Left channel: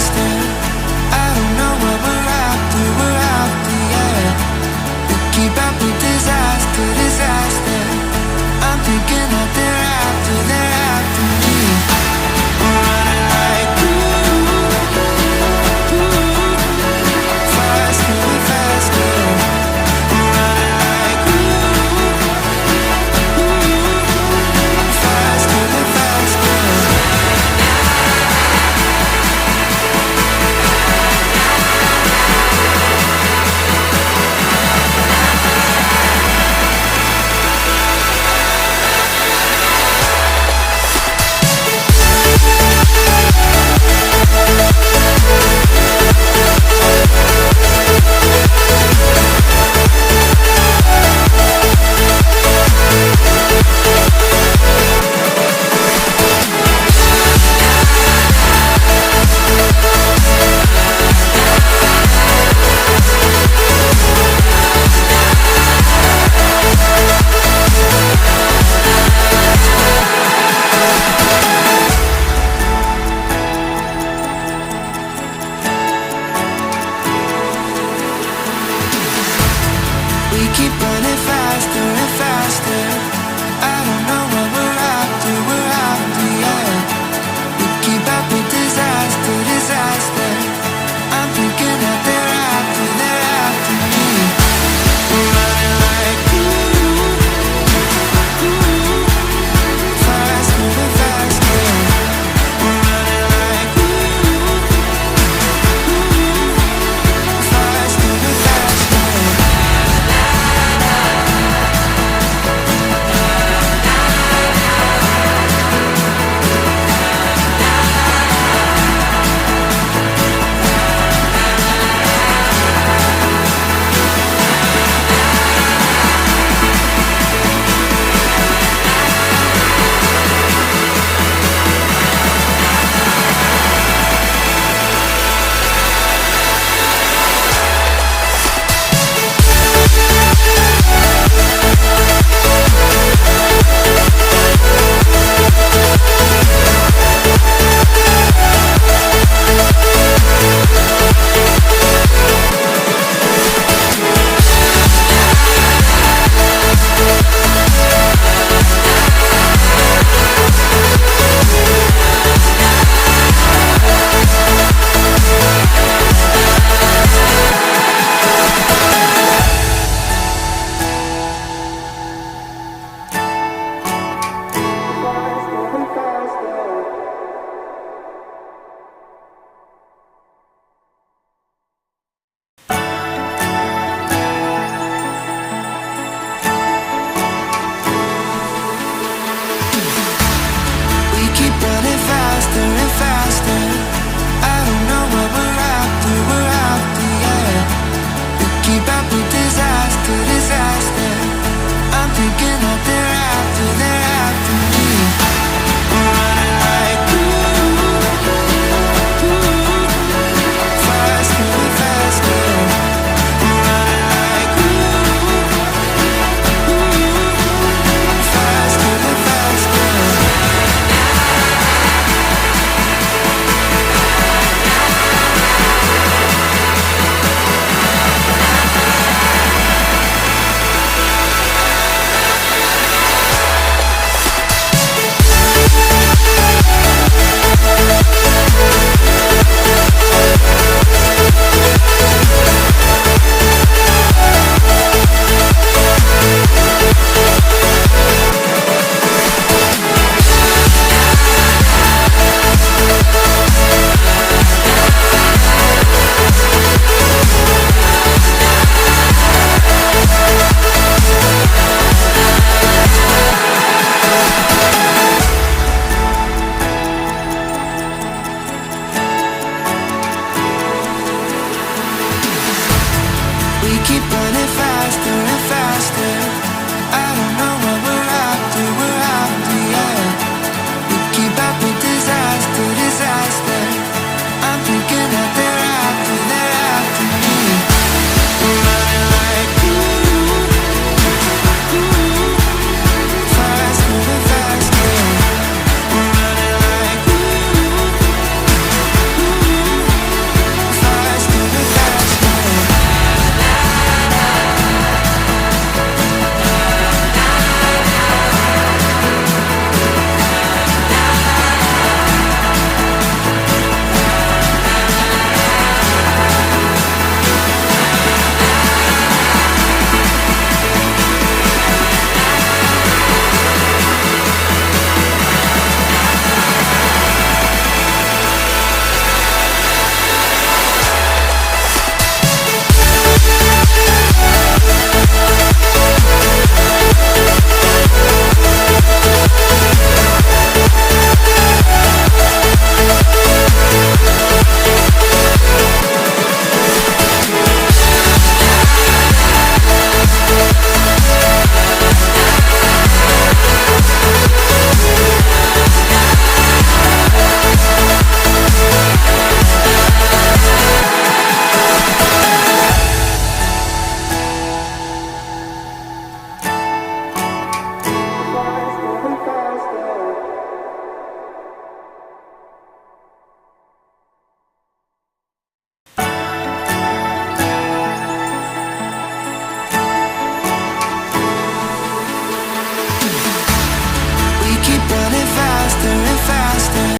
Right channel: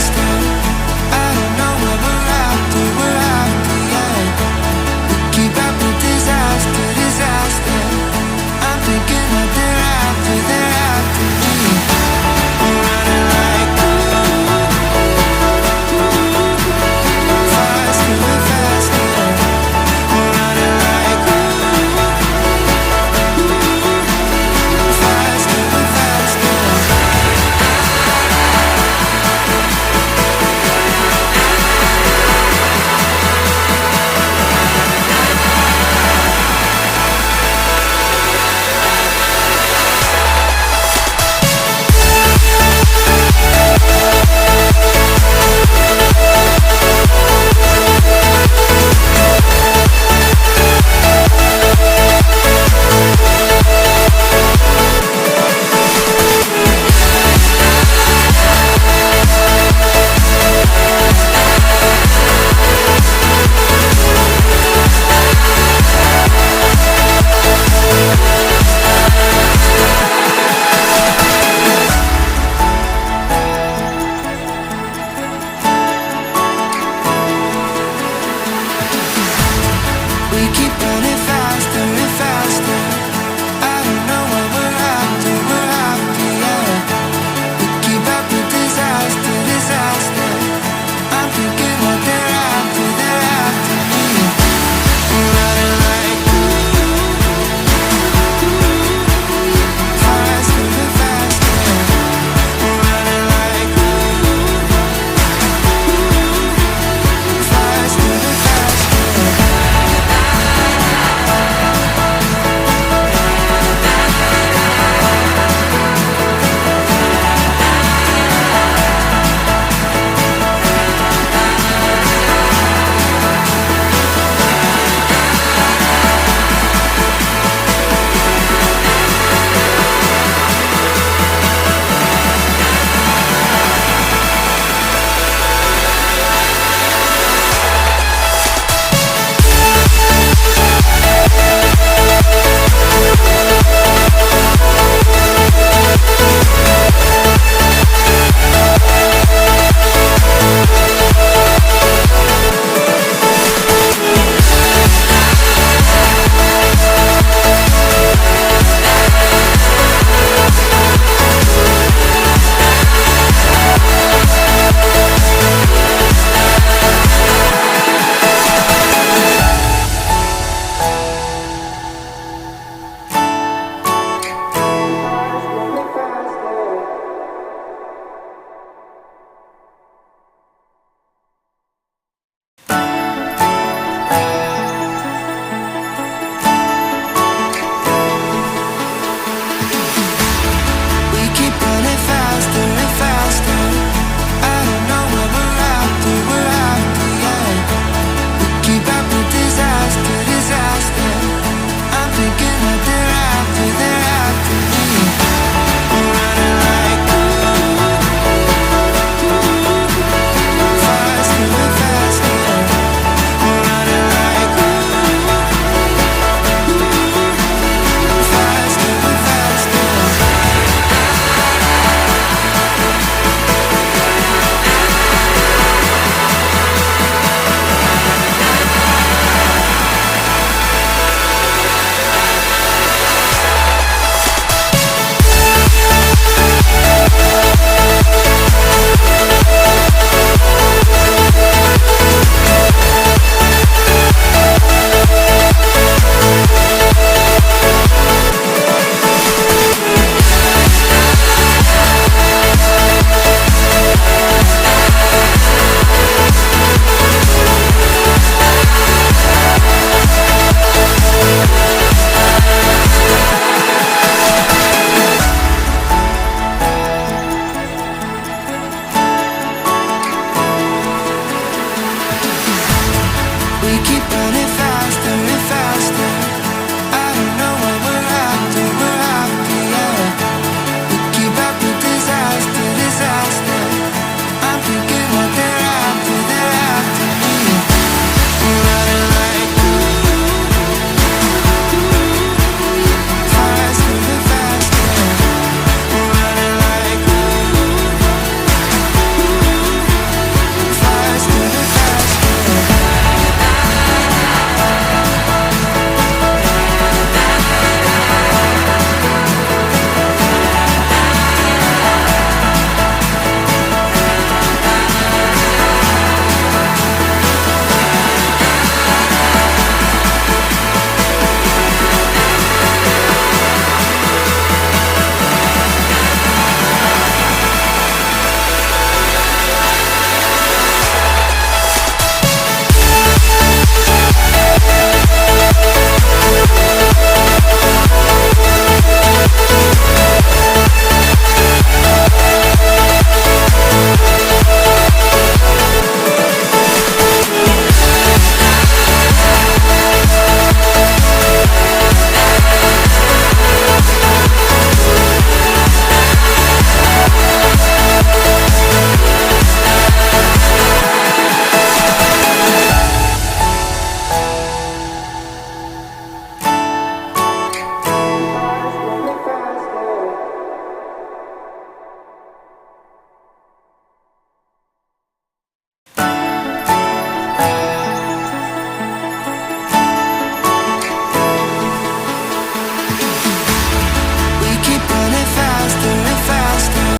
faster. I don't know where we're after, yeah. We keep up with disaster, disaster. I'm thinking that they're after me. We're running like faster and faster. We're running like faster and faster. We keep running faster and faster. I don't know where we're after, yeah. We keep up with disaster, disaster. I'm thinking that they're after me. We're running like faster and faster. We're running like faster and faster. Keep running faster and faster. I don't know where we're after, yeah. We keep up with disaster, disaster. I'm thinking that they're after me. We're running like faster and faster. We're running like faster and faster. We keep running faster and faster. I don't know where we're after, yeah. We keep up with disaster, disaster. I'm thinking that they're after me. We're running like faster and faster. We're running like faster.